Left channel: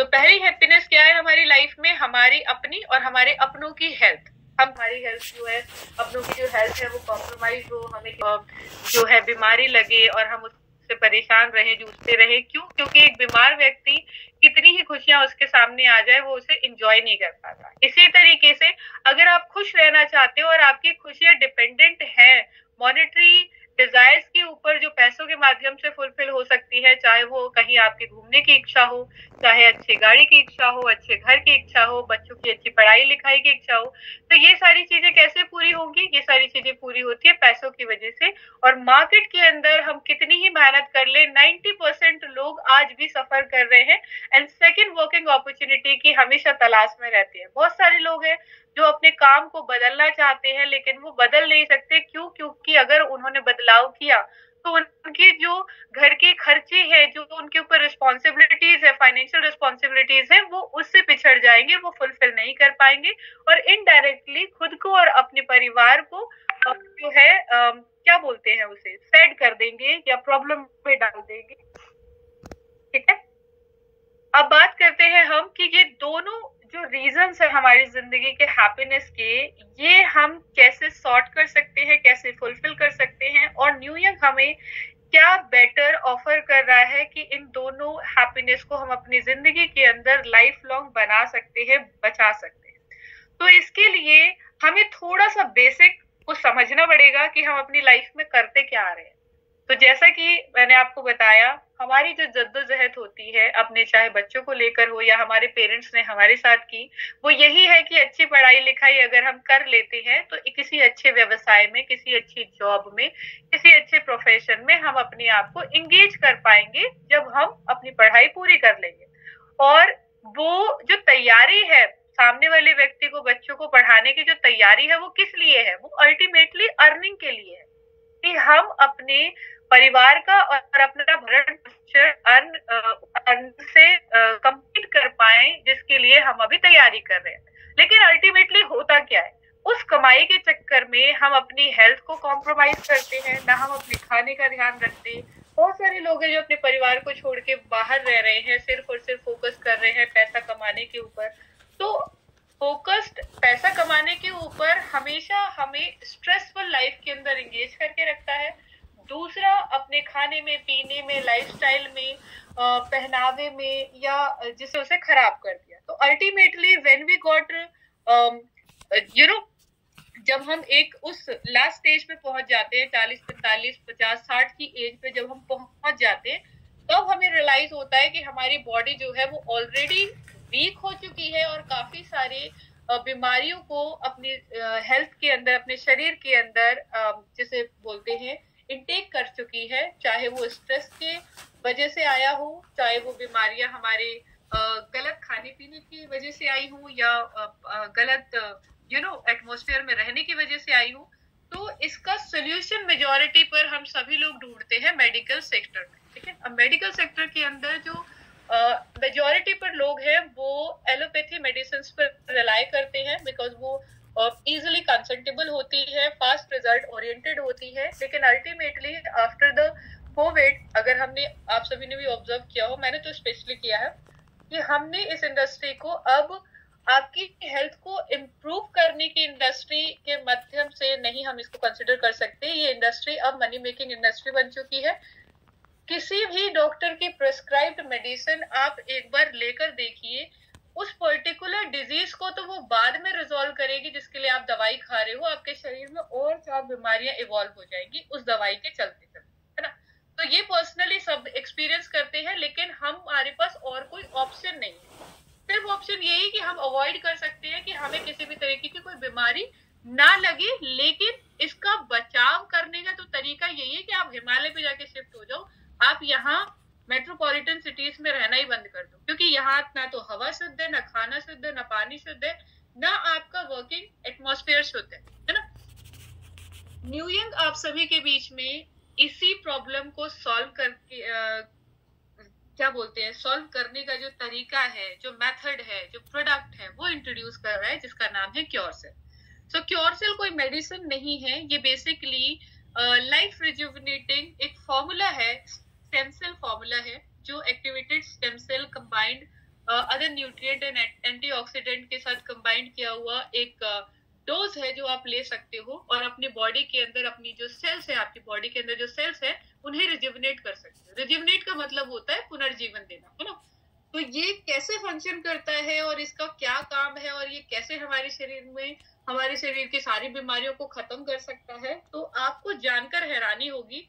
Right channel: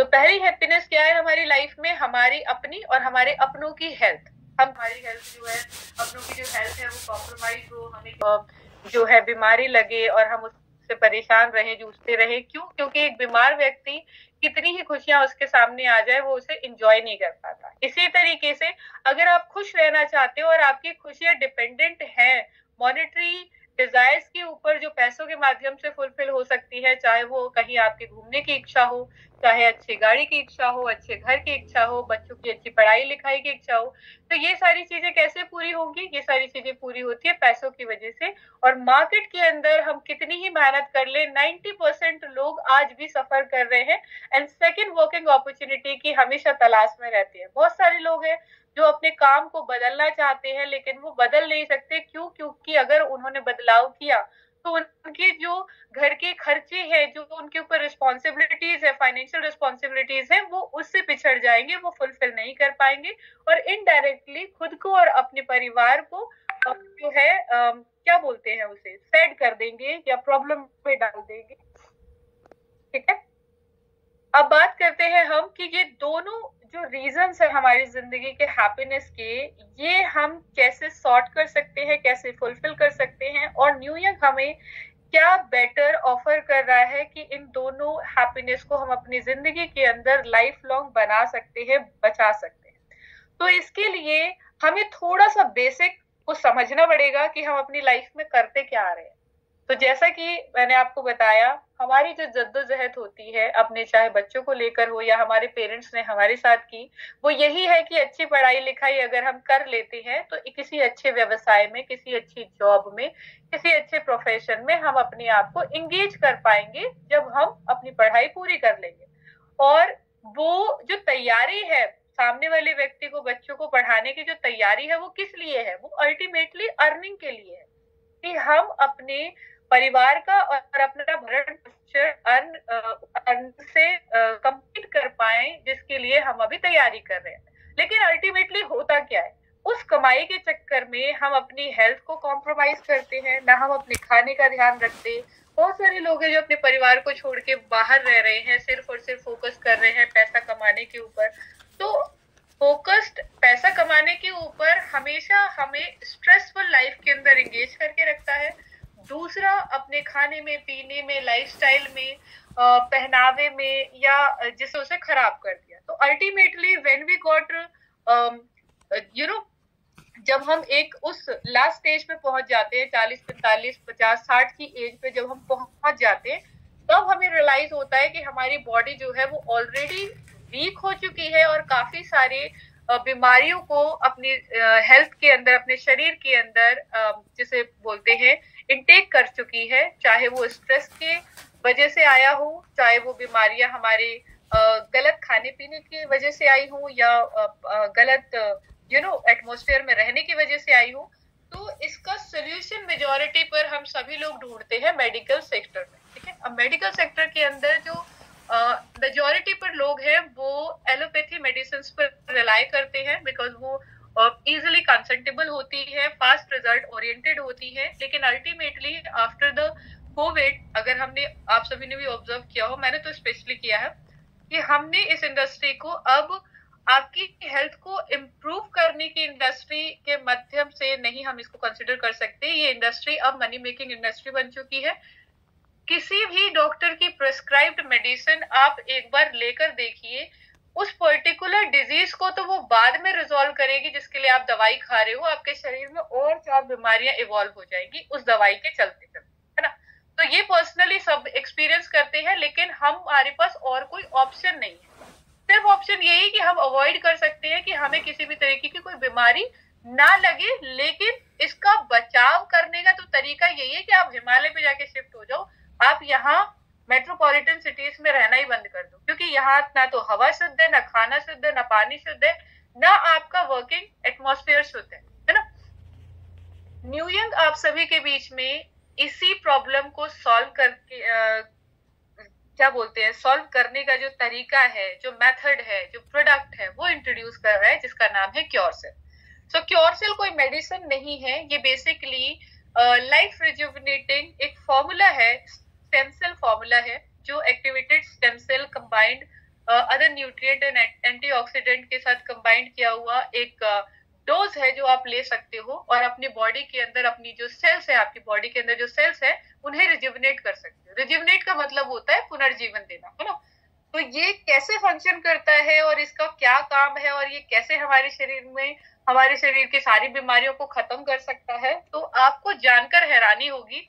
तो पहली हैप्पीनेस क्या है हमारी लाइफ में? हमारी अपनी और हमारे अपनों की हेल्थ। हम हमारी हेल्थ जो है, अपनों की जो हेल्थ है वो कॉम्प्रोमाइज हो, हमें जो है बीमारी लगे और हम उससे परेशान रहे, जूझते रहे। क्यों? क्योंकि एक बीमार व्यक्ति कितनी ही खुशियां उसके सामने आ जाए वो उसे इंजॉय नहीं कर पाता। इसी तरीके से अगर आप खुश रहना चाहते हो और आपकी खुशियां डिपेंडेंट है मॉनेटरी डिजायर्स के ऊपर, जो पैसों के माध्यम से फुलफिल हो सकती है, चाहे वो कहीं आपके घूमने की इच्छा हो, चाहे अच्छी गाड़ी की इच्छा हो, अच्छे घर की इच्छा हो, बच्चों की अच्छी पढ़ाई लिखाई की इच्छा हो, तो ये सारी चीजें कैसे पूरी होंगी? ये सारी चीजें पूरी होती है पैसों की वजह से। और मार्केट के अंदर हम कितनी ही मेहनत कर ले, 90% लोग आज भी सफर कर रहे हैं एंड सेकेंड वर्किंग अपॉर्चुनिटी की हमेशा तलाश में रहते हैं। बहुत सारे लोग हैं जो अपने काम को बदलना चाहते हैं लेकिन वो बदल नहीं सकते। क्यों? क्योंकि अगर उन्होंने बदलाव किया तो उनकी जो घर के खर्चे हैं, जो उनके ऊपर रिस्पॉन्सिबिलिटीज है, फाइनेंशियल रिस्पॉन्सिबिलिटीज है, वो उससे पिछड़ जाएंगे, वो फुलफिल नहीं कर पाएंगे और इनडायरेक्टली खुद को और अपने परिवार को जो है क्या बोलते हैं उसे, सैड कर देंगे या प्रॉब्लम में डाल देंगे। ठीक है, अब बात करते हैं हम कि ये दोनों जो रीजंस है हमारी जिंदगी के हैप्पीनेस के, ये हम कैसे सॉर्ट कर सकते हैं, कैसे फुलफिल कर सकते हैं, और न्यू ईयर हमें क्या बेटर ऑफर कर रहा है कि इन दोनों हैप्पीनेस को हम अपनी जिंदगी के अंदर लाइफ लॉन्ग बना सकते हैं, बचा सकते हैं। तो इसके लिए हमें थोड़ा सा बेसिक को समझना पड़ेगा कि हम अपनी लाइफ में करते क्या आ रहे हैं। तो जैसा कि मैंने आपको बताया, हमारी जो जद्दोजहद होती है अपने, चाहे बच्चों को लेकर हो या हमारे पेरेंट्स ने हमारे साथ की, वो यही है कि अच्छी पढ़ाई लिखाई अगर हम कर लेते हैं तो किसी अच्छे व्यवसाय में, किसी अच्छी जॉब में, किसी अच्छे प्रोफेशन में हम अपने आप को एंगेज कर पाएंगे जब हम अपनी पढ़ाई पूरी कर लेंगे। और वो जो तैयारी है सामने वाले व्यक्ति को, बच्चों को पढ़ाने की जो तैयारी है, वो किस लिए है? वो अल्टीमेटली अर्निंग के लिए है कि हम अपने परिवार का और अपना भरण पोषण अर्न से कंप्लीट कर पाए, जिसके लिए हम अभी तैयारी कर रहे हैं। लेकिन अल्टीमेटली होता क्या है? उस कमाई के चक्कर में हम अपनी हेल्थ को कॉम्प्रोमाइज करते हैं, ना हम अपने खाने का ध्यान रखते। बहुत सारे लोग हैं जो अपने परिवार को छोड़ के बाहर रह रहे हैं, सिर्फ और सिर्फ फोकस कर रहे हैं पैसा कमाने के ऊपर। तो फोकस्ड पैसा कमाने के ऊपर हमेशा हमें स्ट्रेसफुल लाइफ के अंदर एंगेज करके रखता है। दूसरा, अपने खाने में, पीने में, लाइफस्टाइल में, पहनावे में, या जिसे उसे खराब कर दिया। तो ultimately when we got you know, जब हम एक उस लास्ट स्टेज पे पहुंच जाते हैं, 40, 45, 50, 60 की एज पे जब हम पहुंच जाते हैं, तब हमें रियलाइज होता है कि हमारी बॉडी जो है वो ऑलरेडी वीक हो चुकी है और काफी सारे बीमारियों को अपनी हेल्थ के अंदर, अपने शरीर के अंदर जिसे बोलते हैं इनटेक कर चुकी है। चाहे वो स्ट्रेस के वजह से आया हो, चाहे वो बीमारियां हमारे गलत खाने पीने की वजह से आई हो, या गलत एटमॉस्फेयर में रहने की वजह से आई हो। तो इसका सोल्यूशन मेजॉरिटी पर हम सभी लोग ढूंढते हैं मेडिकल सेक्टर में। ठीक है, अब मेडिकल सेक्टर के अंदर जो मेजॉरिटी पर लोग हैं वो एलोपैथी मेडिसिन पर रिलाई करते हैं, बिकॉज वो इजिली कंसल्टेबल होती है, फास्ट रिजल्ट ओरिएंटेड होती है। लेकिन अल्टीमेटली आफ्टर द कोविड, अगर हमने, आप सभी ने भी ऑब्जर्व किया हो, मैंने तो स्पेशली किया है, कि हमने इस इंडस्ट्री को अब आपकी हेल्थ को इम्प्रूव करने की इंडस्ट्री के माध्यम से नहीं हम इसको कंसिडर कर सकते। ये इंडस्ट्री अब मनी मेकिंग इंडस्ट्री बन चुकी है। किसी भी डॉक्टर की प्रिस्क्राइब्ड मेडिसिन आप एक बार लेकर देखिए, उस पर्टिकुलर डिजीज को तो वो बाद में रिजॉल्व करेगी जिसके लिए आप दवाई खा रहे हो। आपके शरीर में और 4 बीमारियां इवॉल्व हो जाएंगी उस दवाई के चलते चलते, है ना। तो ये पर्सनली सब एक्सपीरियंस करते हैं, लेकिन हमारे पास और कोई ऑप्शन नहीं है। सिर्फ ऑप्शन यही कि हम अवॉइड कर सकते हैं कि हमें किसी भी तरीके की कोई बीमारी ना लगे। लेकिन इसका बचाव करने का तो तरीका यही है कि आप हिमालय पे जाके शिफ्ट हो जाओ, आप यहाँ मेट्रोपॉलिटन सिटीज में रहना ही बंद कर दो, क्योंकि यहाँ ना तो हवा शुद्ध है, ना खाना शुद्ध है, ना पानी शुद्ध है, ना आपका वर्किंग एटमॉस्फेयर शुद्ध है ना। न्यू यंग आप सभी के बीच में इसी प्रॉब्लम को सॉल्व करके क्या बोलते हैं, सॉल्व करने का जो तरीका है, जो मेथड है, जो प्रोडक्ट है, वो इंट्रोड्यूस कर रहा है, जिसका नाम है क्योरसेल। सो क्योरसेल कोई मेडिसिन नहीं है, ये बेसिकली लाइफ रिजुविनेटिंग एक फॉर्मूला है, स्टेम सेल फॉर्मूला है, जो activated stem cell combined other nutrient and antioxidant के साथ कंबाइंड किया हुआ एक डोज है जो आप ले सकते हो और अपनी बॉडी के अंदर अपनी जो सेल्स है, आपकी बॉडी के अंदर जो सेल्स है उन्हें रिजुविनेट कर सकते हो। रिजुविनेट का मतलब होता है पुनर्जीवन देना, है ना। तो ये कैसे फंक्शन करता है और इसका क्या काम है और ये कैसे हमारे शरीर में, हमारे शरीर की सारी बीमारियों को खत्म कर सकता है, तो आपको जानकर हैरानी होगी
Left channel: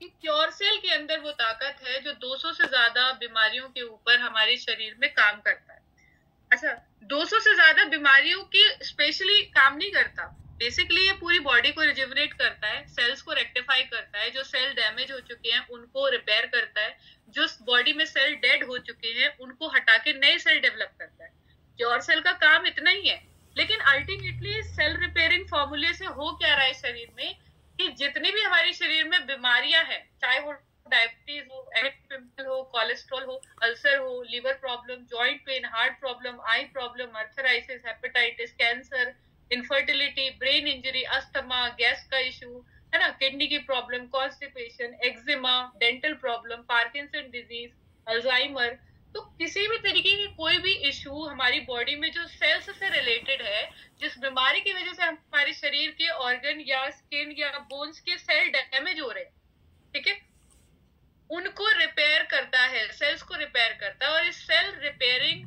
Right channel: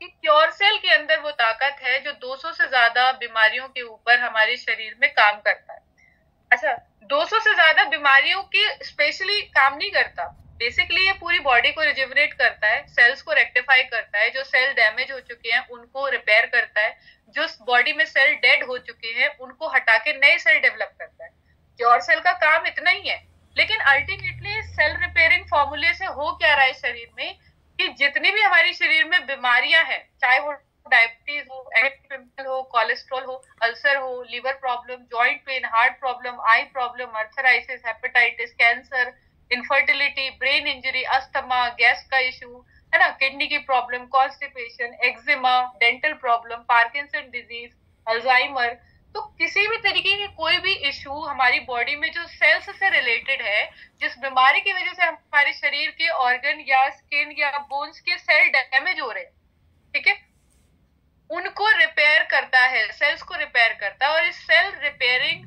कि क्योर सेल के अंदर वो ताकत है जो 200 से ज्यादा बीमारियों के ऊपर हमारे शरीर में काम करता है। अच्छा, 200 से ज्यादा बीमारियों की स्पेशली काम नहीं करता, बेसिकली ये पूरी बॉडी को रिजुविनेट करता है, सेल्स को रेक्टिफाई करता है, जो सेल डैमेज हो चुके हैं उनको रिपेयर करता है, जो बॉडी में सेल डेड हो चुके हैं उनको हटा के नए सेल डेवलप करता है। क्योर सेल का काम इतना ही है, लेकिन अल्टीमेटली सेल रिपेयरिंग फॉर्मूले से हो क्या रहा है शरीर में कि जितनी भी हमारे शरीर में बीमारियां हैं, चाहे वो डायबिटीज हो, पिंपल हो, कोलेस्ट्रॉल हो, अल्सर हो, liver problem, joint pain, heart problem, eye problem, arthritis, hepatitis, cancer, infertility, brain injury, asthma, gas का इशू, है ना, किडनी की problem, constipation, eczema, dental problem, Parkinson disease, Alzheimer, तो किसी भी तरीके की कोई भी इशू हमारी बॉडी में जो सेल्स से रिलेटेड है, जिस बीमारी की वजह से हमारे शरीर के ऑर्गन या स्किन या बोन्स के सेल डैमेज हो रहे हैं, ठीक है, उनको रिपेयर करता है, सेल्स को रिपेयर करता है। और इस सेल रिपेयरिंग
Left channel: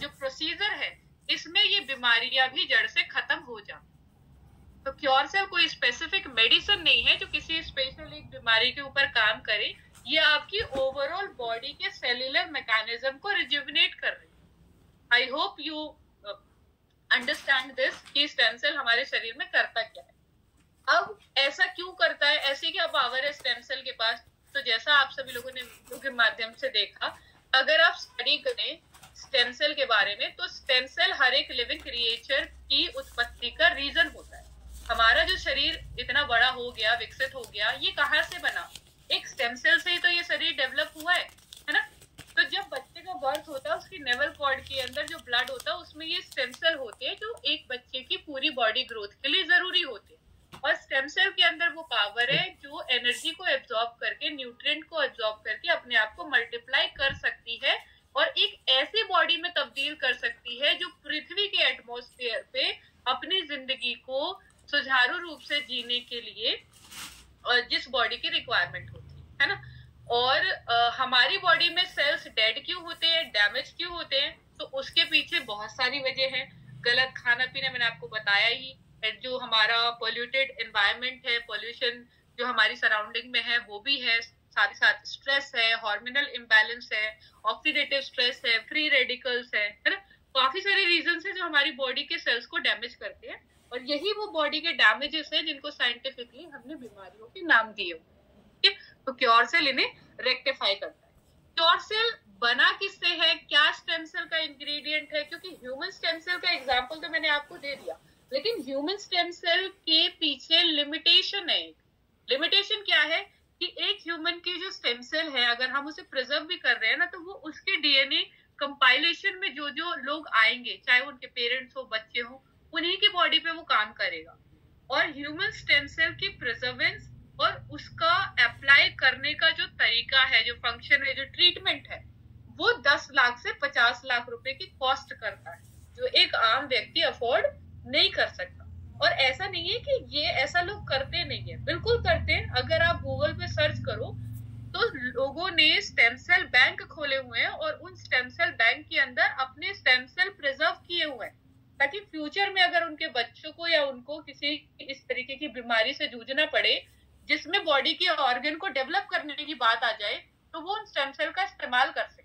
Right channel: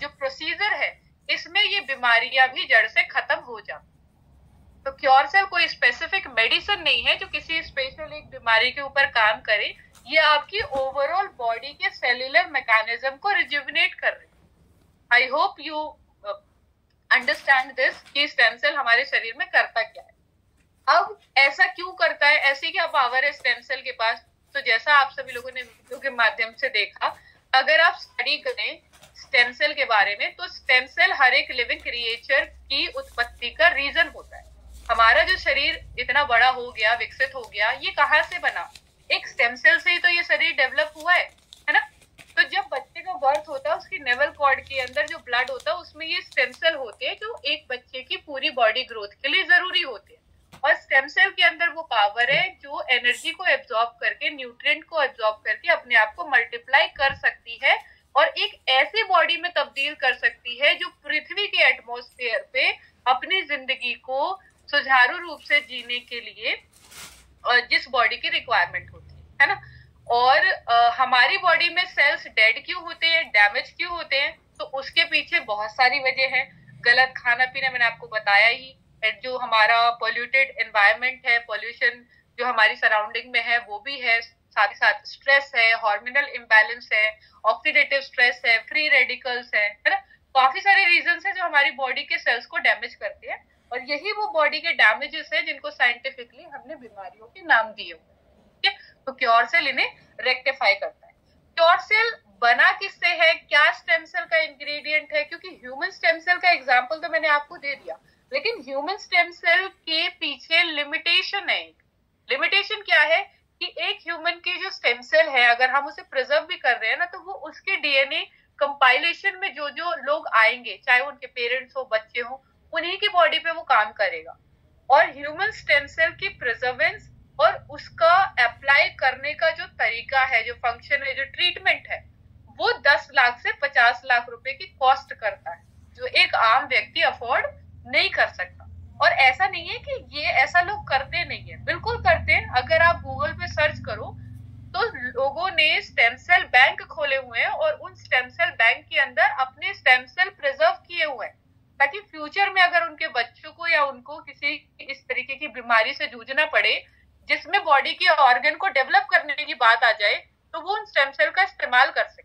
जो प्रोसीजर है, इसमें ये बीमारियां भी जड़ से खत्म हो जाती। तो क्योर सेल कोई स्पेसिफिक मेडिसिन नहीं है जो किसी स्पेशल एक बीमारी के ऊपर काम करे, ये आपकी ओवरऑल बॉडी के सेल्यूलर मैकेनिज्म को रिजुविनेट कर रही है। I hope you understand this कि स्टेम सेल हमारे शरीर में करता क्या है। अब ऐसा क्यों करता है, ऐसी क्या पावर है स्टेम सेल के पास? तो जैसा आप सभी लोगों ने वीडियो के माध्यम से देखा, अगर आप स्टडी करें स्टेम सेल के बारे में, तो स्टेम सेल हर एक लिविंग क्रिएचर की उत्पत्ति का रीजन होता है। हमारा जो शरीर इतना बड़ा हो गया, विकसित हो गया, ये कहाँ से बना? एक स्टेम सेल से ही तो ये शरीर डेवलप हुआ है ना। तो जब बच्चे का बर्थ होता है, उसकी नेवल कॉर्ड के अंदर जो ब्लड होता है उसमें ये स्टेम सेल होते हैं जो एक बच्चे की पूरी बॉडी ग्रोथ के लिए जरूरी होते हैं। और स्टेम सेल के अंदर वो पावर है जो एनर्जी को एब्जॉर्ब करके, न्यूट्रिएंट को एब्जॉर्ब करके अपने आप को मल्टीप्लाई कर सकती है और एक ऐसी बॉडी में तब्दील कर सकती है जो पृथ्वी के एटमॉस्फेयर पे अपनी जिंदगी को सुचारू रूप से जीने के लिए जिस बॉडी की रिक्वायरमेंट होती है ना। और हमारी बॉडी में सेल्स डेड क्यों होते हैं, डैमेज क्यों होते हैं? तो उसके पीछे बहुत सारी वजह है। गलत खाना पीना मैंने आपको बताया ही, जो हमारा पोल्यूटेड एनवायरनमेंट है, पोल्यूशन जो हमारी सराउंडिंग में है वो भी है, साथ ही साथ स्ट्रेस है, हार्मोनल इम्बैलेंस है, ऑक्सीडेटिव स्ट्रेस है, फ्री रेडिकल्स है ना। काफी सारे रीजंस है जो हमारी बॉडी के सेल्स को डैमेज करते हैं और यही वो बॉडी के डैमेजेस है जिनको साइंटिफिकली हमने बीमारियों के नाम दिए हुए। ठीक है, तो क्योर सेल इन्हें रेक्टिफाई करता है। क्योर सेल बना किससे है, क्या स्टेम सेल का इंग्रेडिएंट है? क्योंकि ह्यूमन स्टेम सेल का एग्जांपल तो मैंने आपको दे दिया, लेकिन ह्यूमन स्टेम सेल के पीछे लिमिटेशन है। लिमिटेशन क्या है कि एक ह्यूमन की जो स्टेम सेल है, अगर हम उसे प्रिजर्व भी कर रहे हैं ना, तो वो उसके डीएनए कंपाइलेशन में जो जो लोग आएंगे, चाहे उनके पेरेंट्स हो, बच्चे हो, उन्हीं की बॉडी पे वो काम करेगा। और ह्यूमन स्टेम सेल की प्रिजर्वेंस और उसका अप्लाई करने का जो तरीका है, जो फंक्शन है, जो ट्रीटमेंट है, वो 10 लाख से 50 लाख रुपए की कॉस्ट करता है, जो एक आम व्यक्ति अफोर्ड नहीं कर सकता। और ऐसा नहीं है कि ये ऐसा लोग करते नहीं है, बिल्कुल करते हैं। अगर आप गूगल पे सर्च करो तो लोगों ने स्टेम सेल बैंक खोले हुए हैं और उन स्टेम सेल बैंक के अंदर अपने स्टेम सेल प्रिजर्व किए हुए हैं, ताकि फ्यूचर में अगर उनके बच्चों को या उनको किसी इस तरीके की बीमारी से जूझना पड़े जिसमें बॉडी के ऑर्गन को डेवलप करने की बात आ जाए, तो वो उन स्टेम सेल का इस्तेमाल कर सके।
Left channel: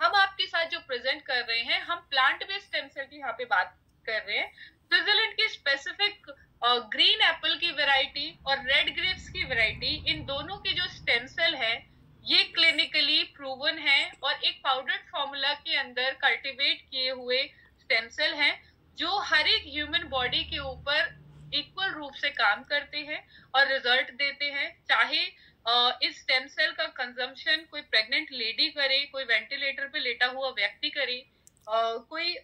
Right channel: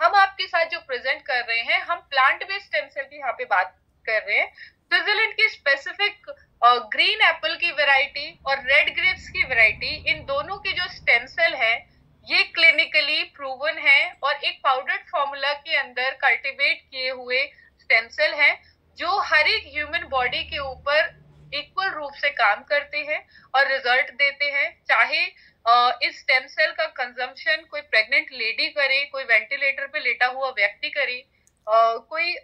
हम आपके साथ जो प्रेजेंट कर रहे हैं, हम प्लांट बेस्ड स्टेम सेल की यहाँ पे बात कर रहे हैं। स्विट्जरलैंड की स्पेसिफिक ग्रीन एप्पल की वैरायटी और रेड ग्रेप्स की वैरायटी, इन दोनों के जो स्टेम सेल है ये क्लिनिकली प्रूवन है और एक पाउडर्ड फॉर्मूला के अंदर कल्टीवेट किए हुए स्टेम सेल हैं जो हर एक ह्यूमन बॉडी के ऊपर इक्वल रूप से काम करते हैं और रिजल्ट देते हैं। चाहे इस स्टेम सेल का कंजम्पशन कोई प्रेग्नेंट लेडी करे, कोई वेंटिलेटर पे लेटा हुआ व्यक्ति करे, कोई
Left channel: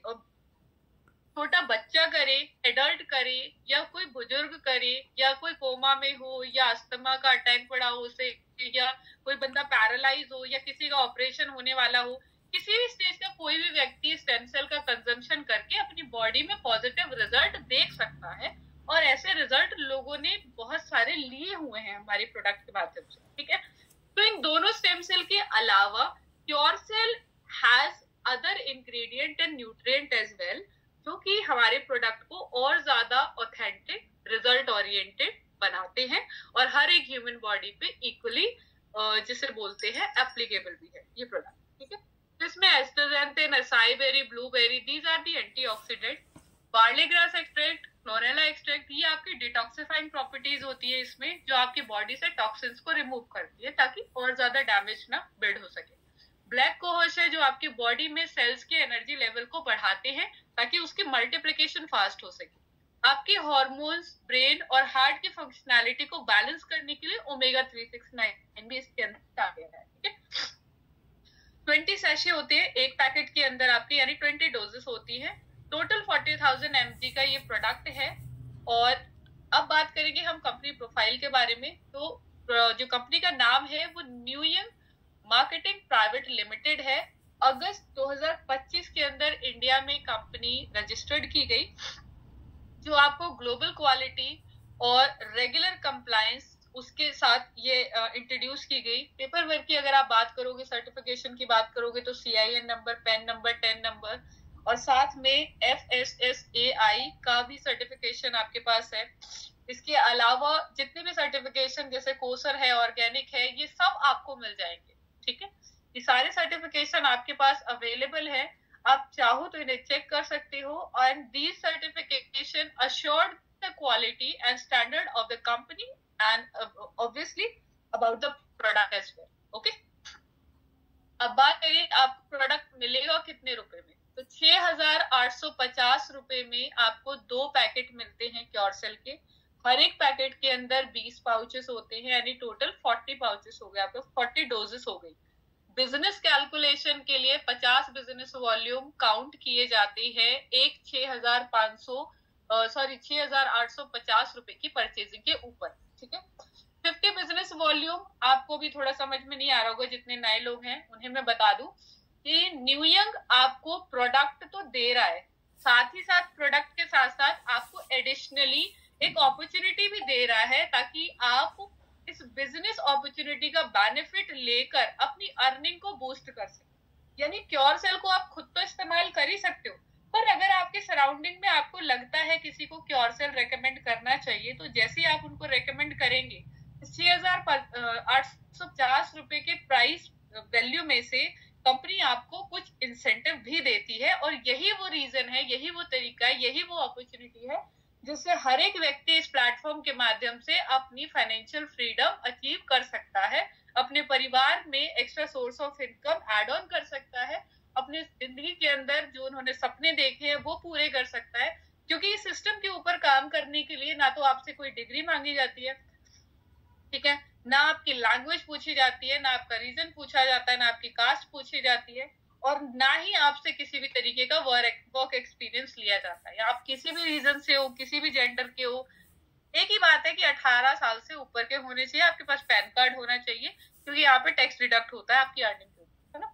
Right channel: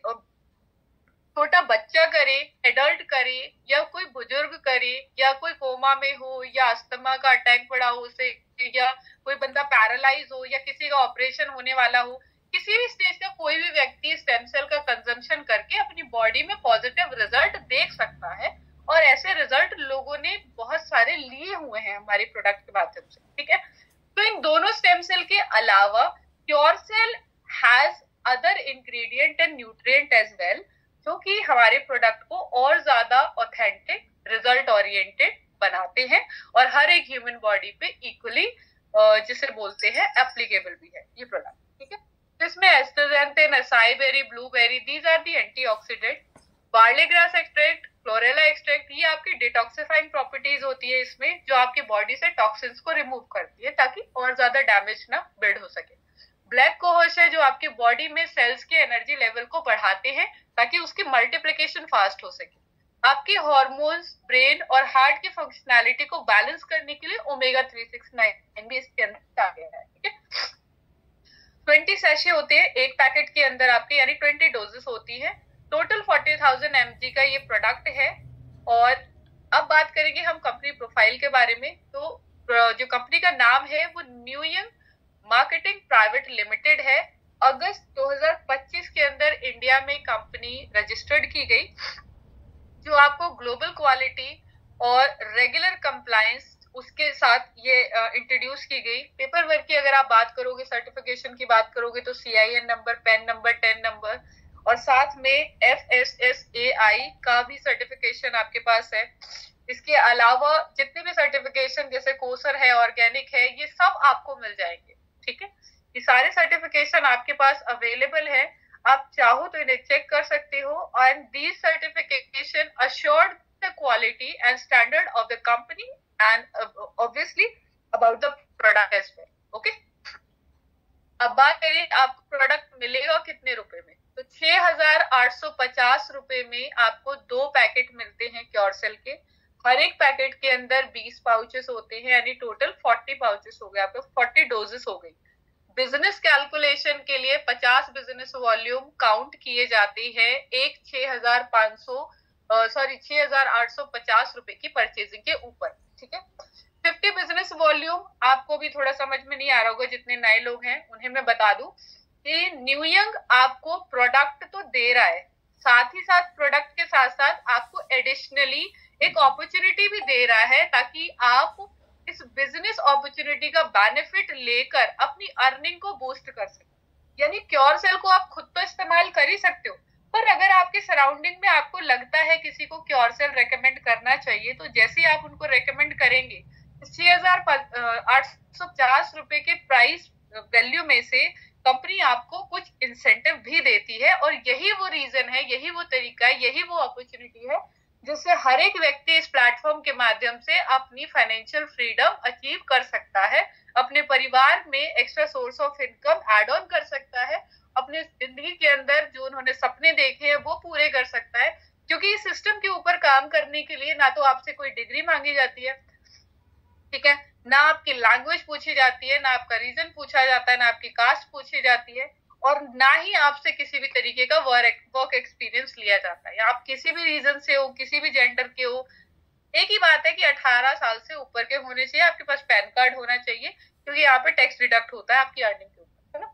छोटा बच्चा करे, एडल्ट करे, या कोई बुजुर्ग करे, या कोई कोमा में हो, या अस्थमा का अटैक पड़ा हो उसे, या कोई बंदा पैरालाइज हो, या किसी का ऑपरेशन होने वाला हो, किसी भी स्टेज का कोई भी व्यक्ति स्टेम सेल का कंजम्पशन करके अपनी बॉडी में पॉजिटिव रिजल्ट देख सकता है, और ऐसे रिजल्ट लोगों ने बहुत सारे लिए हुए हैं हमारे प्रोडक्ट के माध्यम से, ठीक है। तो इन दोनों स्टेम सेल के अलावा cure cell has other ingredient and nutrient as well, जो कि हमारे प्रोडक्ट को और ज्यादा ऑथेंटिक, रिजल्ट ओरिएंटेड बनाते हैं और हर एक ह्यूमन बॉडी पे इक्वली जिसे बोलते हैं एप्लीकेबल भी है ये प्रोडक्ट, ठीक है। इसमें astaxanthin, acai berry, blueberry, these are the antioxidant. Barley grass extract, chlorella extract, ये आपकी डिटॉक्सिफाइंग प्रॉपर्टीज होती है इसमें, जो आपकी बॉडी से टॉक्सिन्स को रिमूव करती है ताकि और ज्यादा डैमेज ना बिल्ड हो सके। ब्लैक कोहोश है जो आपकी बॉडी में सेल्स के एनर्जी लेवल को बढ़ाते हैं ताकि उसकी मल्टीप्लिकेशन फास्ट हो सके। आपके हार्मोन्स, ब्रेन और हार्ट की फंक्शनैलिटी को बैलेंस करने के लिए ओमेगा 369 भी इसके अंदर आ गया है, ठीक है। 20 सैशे होते हैं एक पैकेट के अंदर आपके, यानी 20 डोजेस होती है। टोटल 40,000 mg का ये प्रोडक्ट है। और अब बात करेंगे हम कंपनी प्रोफाइल के बारे में। तो जो कंपनी का नाम है वो न्यूयंग मार्केटिंग प्राइवेट लिमिटेड है। अगस्त 2025 के अंदर इंडिया में कंपनी रजिस्टर्ड की गई, जो आपको ग्लोबल क्वालिटी और रेगुलर कंप्लायंस उसके साथ ये इंट्रोड्यूस की गई। पेपर वर्क की अगर आप बात करोगे, सर्टिफिकेशन की बात करोगे तो CIN number, PAN number, 10 number, और साथ में FSSAI का भी सर्टिफिकेशन आपके पास है। इसके अलावा जितने भी सर्टिफिकेशन जैसे कोसर है, ऑर्गेनिक है, ये सब आपको मिल जाएंगे, ठीक है। ये सारे सर्टिफिकेशन आपके पास अवेलेबल है, आप चाहो तो इन्हें चेक कर सकते हो। And these certification assured the quality and standard of the company and obviously about the product as well, okay. अब बात करें आपको प्रोडक्ट मिलेगा कितने रुपए में, तो 6,850 रुपए में आपको 2 पैकेट मिलते हैं क्योर सेल के। हर एक पैकेट के अंदर 20 पाउचेस होते हैं, यानी टोटल 40 पाउचेस हो गए, आपको 40 डोजेस हो गई। बिजनेस कैलकुलेशन के लिए 50 बिजनेस वॉल्यूम काउंट किए जाते हैं एक 6,850 रुपए की परचेजिंग के ऊपर, ठीक है। 50 बिजनेस वॉल्यूम आपको भी थोड़ा समझ में नहीं आ रहा होगा, जितने नए लोग हैं उन्हें मैं बता दूं कि न्यूयंग आपको प्रोडक्ट तो दे रहा है, साथ ही साथ प्रोडक्ट के साथ साथ आपको एडिशनली एक अपॉर्चुनिटी भी दे रहा है ताकि आप इस बिजनेस अपॉर्चुनिटी का बेनिफिट लेकर अपनी अर्निंग को बूस्ट कर सके। यानी क्योर सेल को आप खुद तो इस्तेमाल कर ही सकते हो, पर अगर आपके सराउंडिंग में आपको लगता है किसी को क्योर सेल रेकमेंड करना चाहिए, तो जैसे ही आप उनको रेकमेंड करेंगे, 6,850 रुपए के प्राइस वैल्यू में से कंपनी आपको कुछ इंसेंटिव भी देती है। और यही वो रीजन है, यही वो तरीका है, यही वो अपॉर्चुनिटी है जिससे हर एक व्यक्ति इस प्लेटफॉर्म के माध्यम से अपनी फाइनेंशियल फ्रीडम अचीव कर सकता है, अपने परिवार में extra source of income add on कर सकता है, अपने जिंदगी के अंदर जो उन्होंने सपने देखे हैं वो पूरे कर सकता है। क्योंकि इस सिस्टम के ऊपर काम करने के लिए ना तो आपसे कोई डिग्री मांगी जाती है, ठीक है, ना आपकी लैंग्वेज पूछी जाती है, ना आपका रीजन पूछा जाता है, ना आपकी कास्ट पूछी जाती है, और ना ही आपसे किसी भी तरीके का वर्क एक्सपीरियंस लिया जाता है। आप किसी भी रीजन से हो, किसी भी जेंडर के हो, एक ही बात है कि 18 साल से ऊपर के होने चाहिए, आपके पास पैन कार्ड होना चाहिए, क्योंकि यहाँ पे टैक्स डिडक्ट होता है आपकी अर्निंग के ऊपर, है ना।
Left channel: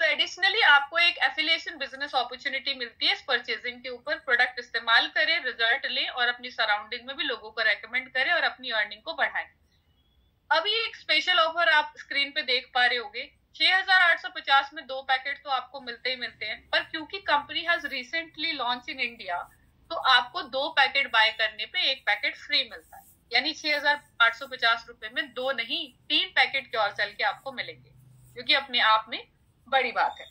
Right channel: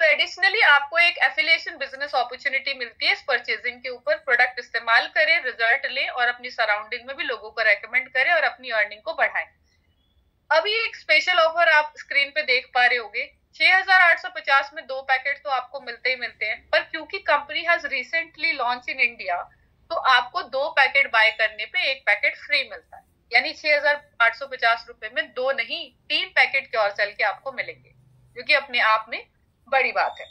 तो एडिशनली आपको एक एफिलिएशन बिजनेस अपॉर्चुनिटी मिलती है इस परचेजिंग के ऊपर। प्रोडक्ट इस्तेमाल करें, रिजल्ट लें और अपनी सराउंडिंग में भी लोगों को रेकमेंड करें और अपनी अर्निंग को बढ़ाएं। अभी एक स्पेशल ऑफर आप स्क्रीन पे देख पा रहे होगे, 6,850 में 2 पैकेट तो आपको मिलते ही मिलते हैं, पर क्योंकि company has recently launch in India, तो आपको 2 पैकेट बाय करने पे 1 पैकेट फ्री मिलता है। यानी 6,850 रुपए में 2 नहीं 3 पैकेट क्योर सेल के आपको मिलेंगे, जो कि अपने आप में बड़ी बात है।